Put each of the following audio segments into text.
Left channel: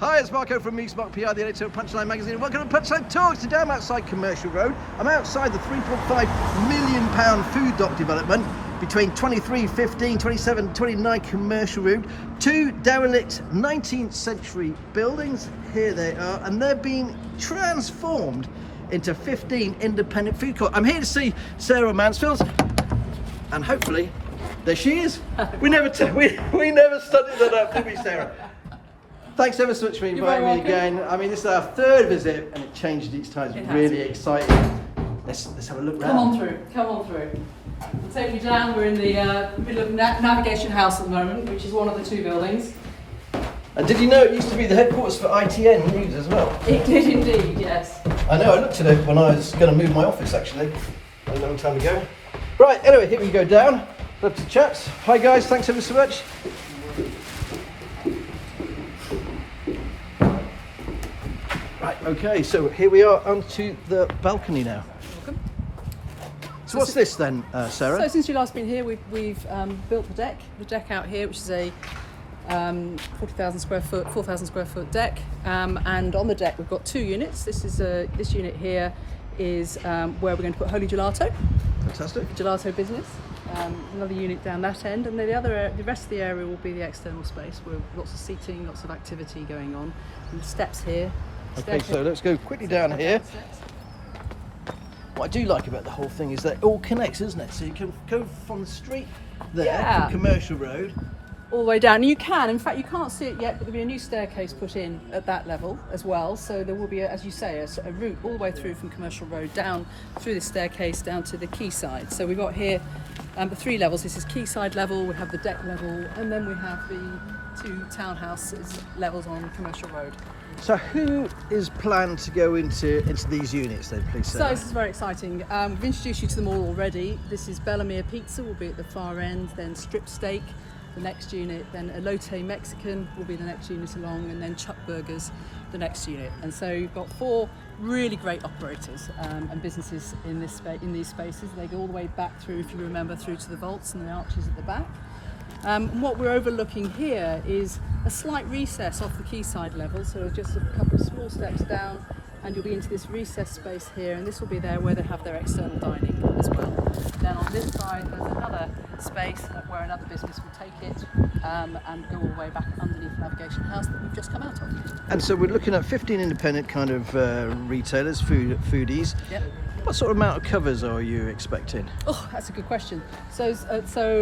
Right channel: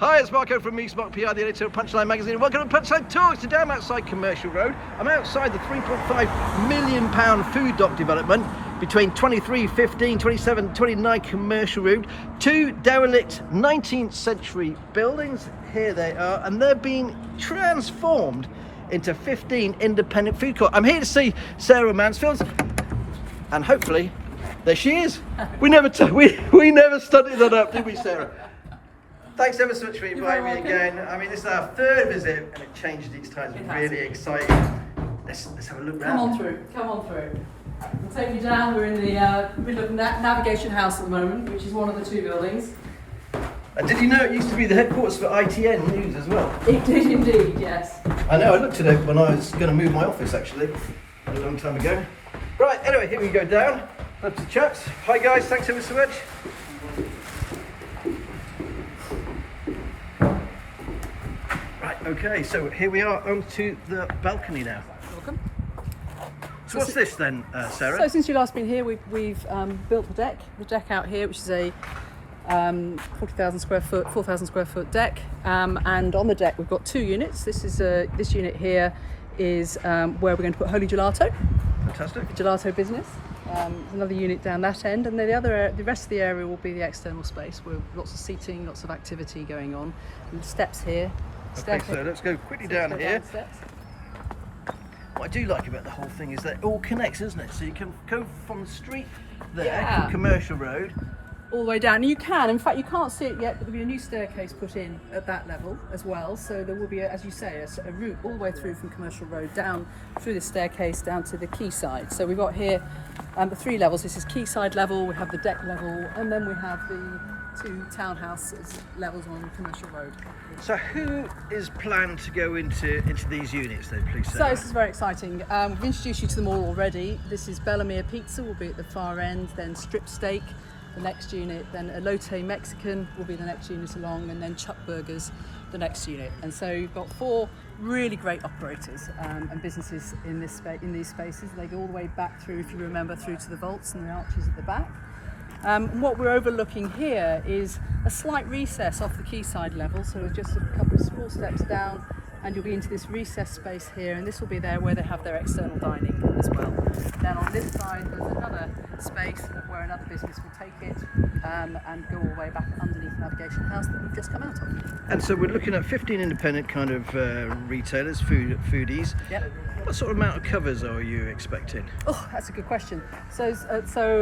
Hi, it's Marco from me, Smart PR, the editor of Punchline Magazine, and welcome to Punchline Talks. Today I'm outside Commercial Road. I'm outside the £3.5 million food dock development between 23, 15, 27, 29 Commercial Road. Two derelict 19th century buildings. Here they are, and they're being transformed into 15 independent food courts. I'm here to see Sarah Mansfield, and hopefully, there she is. We never studied that up, did we, Sarah? Thanks ever so much for inviting me again. I mean, this is our third visit, and it changed each time. It's really exciting. Let's have a look round. Come on through. We'll take you down. We're in the middle of Navigation House at the moment, which is one of the two buildings. And did you know it used to be the headquarters for ITN News as well? It did indeed, yes. I know, I looked at it when I was going to move my office actually, a long time ago. Right, anyway, here we go down. Love to chat. Hi guys, thanks ever so much. Right, okay, so here we are onto the balcony now. Welcome. So what's this then, Sarah? So since you last been here, we've built the deck out here, which is a 40,000 square foot, 4,000 square foot deck, and on the deck we've got two units. This unit here is where we're going to put Holy Gelato. Fantastic. Gelato business. Another unit down that end, and then the rest of the area will be the external space with lots of seating, lots of activity going on, and steps here. Okay, so let's go quickly down here. What I do like about the whole thing is that it all connects, isn't it? So you can go from the street there, Commercial Road, all the way down. And you can, in fact, you can't see it yet, but there'll be a new staircase put in at that level as well. So there will be, as you say, a route all the way through from Commercial Road down through the staircase down to the quayside. So we've got here the three levels. This is quayside level, we have the deck level, and then we have the two townhouses levels on Commercial Road. So who is planned to go into these units then, please, Sarah? So this is very exciting. We've introduced you to them all already. This is Bellamere Pizza, will be at the far end, then Strip Steak, the next unit, then Elote Mexican will be the next unit along, and then Chuck Burgers, the next unit. And so you've got four really great operators and businesses in these spaces. They go all the way back through, if you remember, through to the vaults and the arches at the back. What we're overlooking here is a slight recess off the quayside level, so just a couple of small steps down, and you'll be into this recess space here, and this will be there where they have their external dining as well. Then on this side there's another space where another business will take it and go all the way back underneath Navigation House that we've just come out of. And so we're looking at 15 independent kind of retailers, foodies. Yep. What sort of amount of covers are you expecting? Oh, that's a good question. So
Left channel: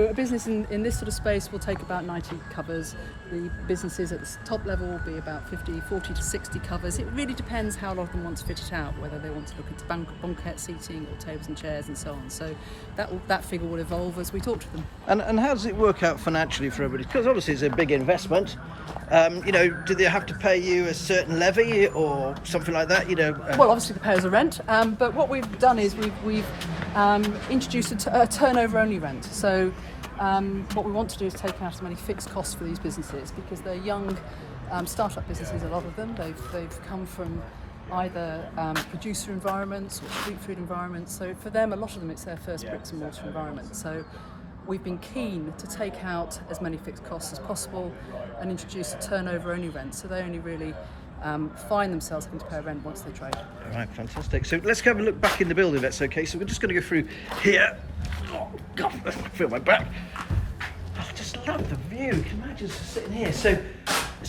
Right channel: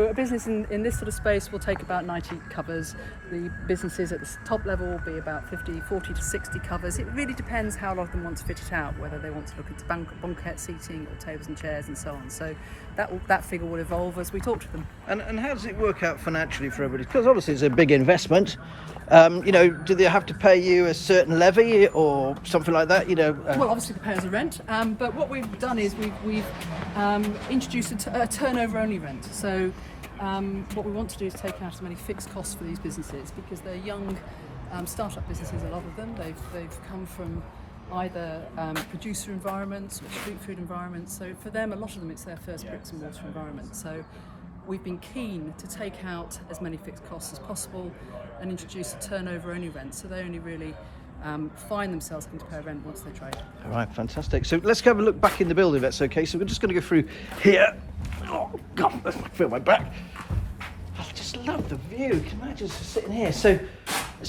a business in this sort of space will take about 90 covers. The businesses at the top level will be about 40 to 60 covers. It really depends how a lot of them want to fit it out, whether they want to look into banquette seating or tables and chairs and so on. So that figure will evolve as we talk to them. And how does it work out financially for everybody? Because obviously it's a big investment. Do they have to pay you a certain levy or something like that? Well, obviously they pay us a rent, but what we've done is we've introduced a turnover only rent. So what we want to do is take out as many fixed costs for these businesses, because they're young start-up businesses, a lot of them. They've come from either producer environments or street food environments. So for them, a lot of them, it's their first bricks and mortar environment. So we've been keen to take out as many fixed costs as possible and introduce a turnover only rent. So they only really find themselves having to pay a rent once they trade. All right, fantastic. So let's have a look back in the building, if that's okay. So we're just going to go through here. Oh God, I feel my back. I just love the view. You can imagine just sitting here. So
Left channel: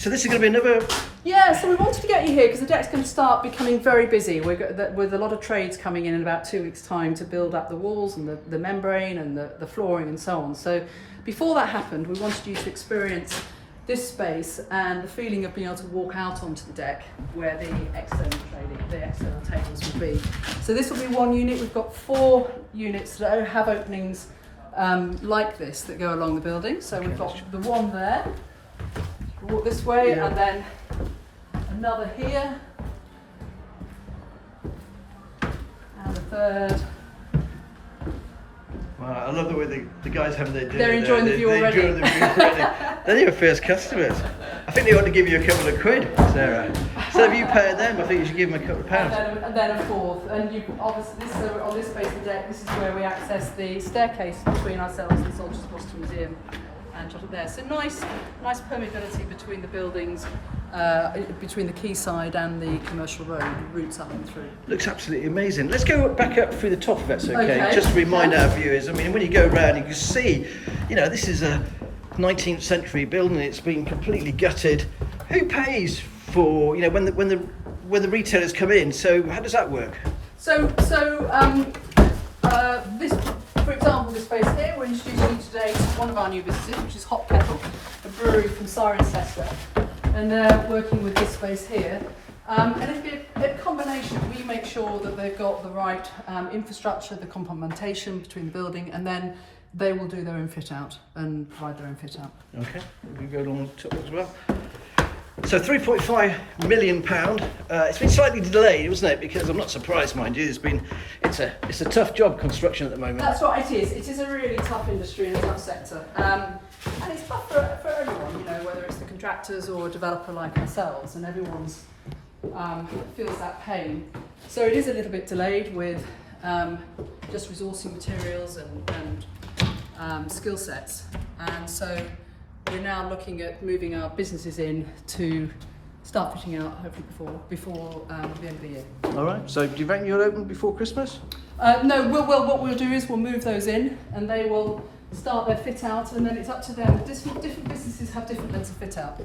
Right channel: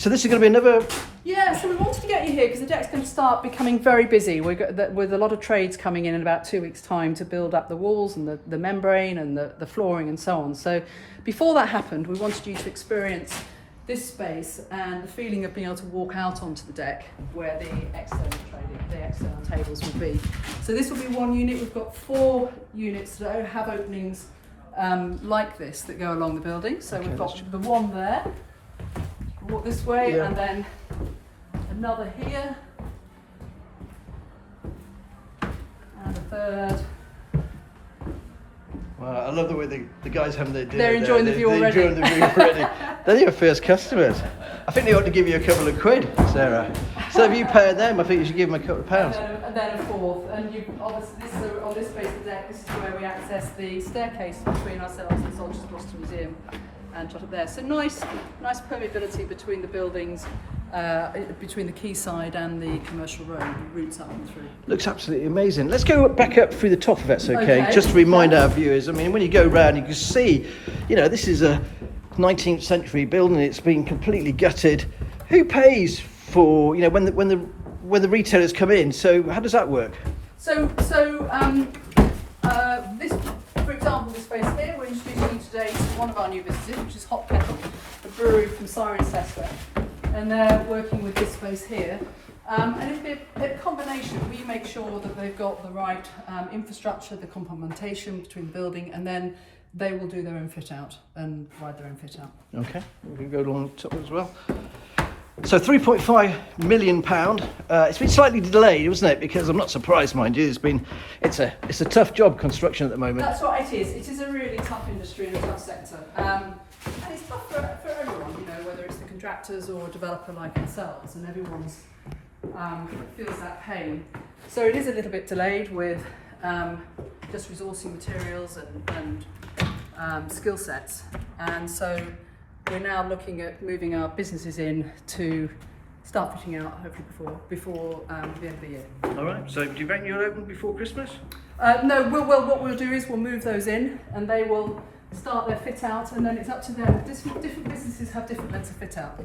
this is going to be another. Yeah, so we wanted to get you here because the deck's going to start becoming very busy. With a lot of trades coming in about 2 weeks' time to build up the walls and the membrane and the flooring and so on. So before that happened, we wanted you to experience this space and the feeling of being able to walk out onto the deck where the external tables will be. So this will be one unit. We've got 4 units that have openings like this that go along the building. So we've got the one there, walk this way, and then another here, and a third. Wow, I love the way the guys have their dinner. They're enjoying the view already. Enjoying the view already. They're your first customers. I think they ought to give you a couple of quid, Sarah. So if you pay them, I think you should give them a couple of pounds. And then a fourth. And you obviously on this space of the deck, this is where we access the staircase between ourselves and Soldiers Gloucester Museum. and shut up there. So nice permeability between the buildings, between the quayside and the commercial road, routes up and through. Looks absolutely amazing. Let's go back up through the top if that's okay. Okay. Just to remind our viewers, I mean, when you go around, you can see, you know, this is a 19th century building. It's been completely gutted. Who pays for, you know, when the retailers come in? So how does that work? This, for example, this space here, we're introducing you today to one of our new businesses, which is Hop Kettle, a brewery from Cirencester, and they're working with this space here. And it's a combination. We make sure that they've got the right infrastructure, the complementation between the building, and then they will do their own fit out and provide their own fit out. Okay, we can go along the top as well. So £3.5 million. It's been slightly delayed, wasn't it? Because I'm not surprised, mind you. It's a tough job, construction at the moment. That's what it is. It is a really tough industry and a tough sector, and it's tough for everyone. You know, whether it's the contractors or a developer like ourselves, and everyone's feels that pain. So it is a little bit delayed with just resourcing materials and skill sets, and so we're now looking at moving our businesses in to start fitting out hopefully before the end of the year. All right. So do you reckon you'll open before Christmas? No. What we'll do is we'll move those in, and they will start their fit out, and then it's up to them. Different businesses have different lengths of fit out.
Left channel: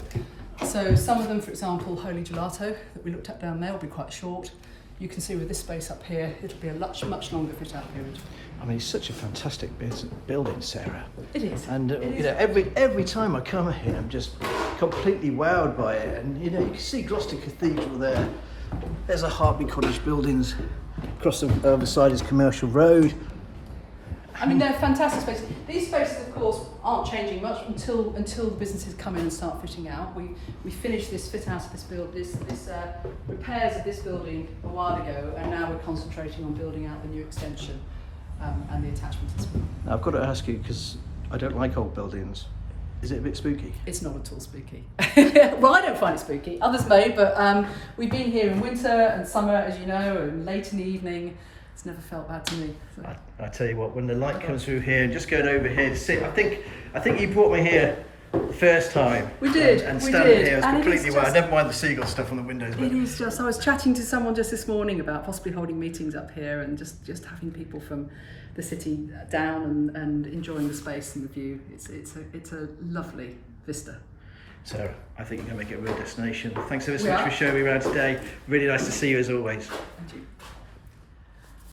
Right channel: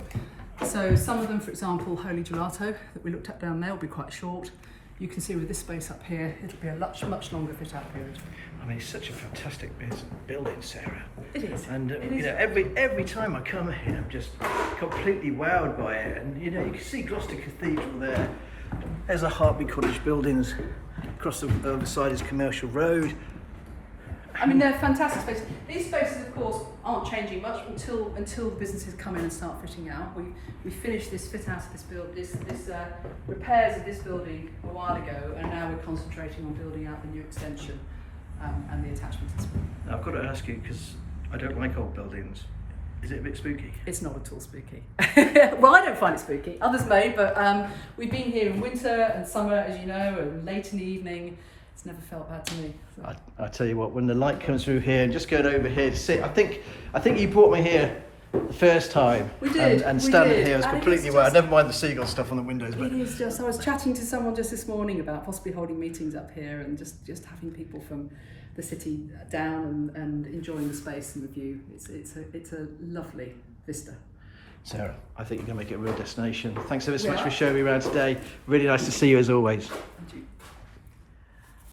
So some of them, for example, Holy Gelato that we looked at down there will be quite short. You can see with this space up here, it'll be a much longer fit out period. I mean, it's such a fantastic building, Sarah. It is. And you know, every time I come here, I'm just completely wowed by it. And you know, you can see Gloucester Cathedral there. There's a Hartby Cottage buildings. Across the other side is Commercial Road. I mean, they're fantastic spaces. These spaces, of course, aren't changing much until the businesses come in and start fitting out. We finished this fit out of this repairs of this building a while ago, and now we're concentrating on building out the new extension and the attachments as well. Now, I've got to ask you, because I don't like old buildings. Is it a bit spooky? It's not at all spooky. Well, I don't find it spooky. Others may, but we've been here in winter and summer, as you know, and late in the evening. It's never felt bad to me. So. I tell you what, when the light comes through here and just going over here to sit, I think you brought me here the first time. We did. And standing here was and completely well. Never mind the seagull stuff on the windows. But it is just. I was chatting to someone just this morning about possibly holding meetings up here and just having people from the city down and enjoying the space and the view. It's a lovely vista. Sarah, I think you're going to make it a real destination. Thanks ever so much for showing me around today. Really nice to see you as always. And you.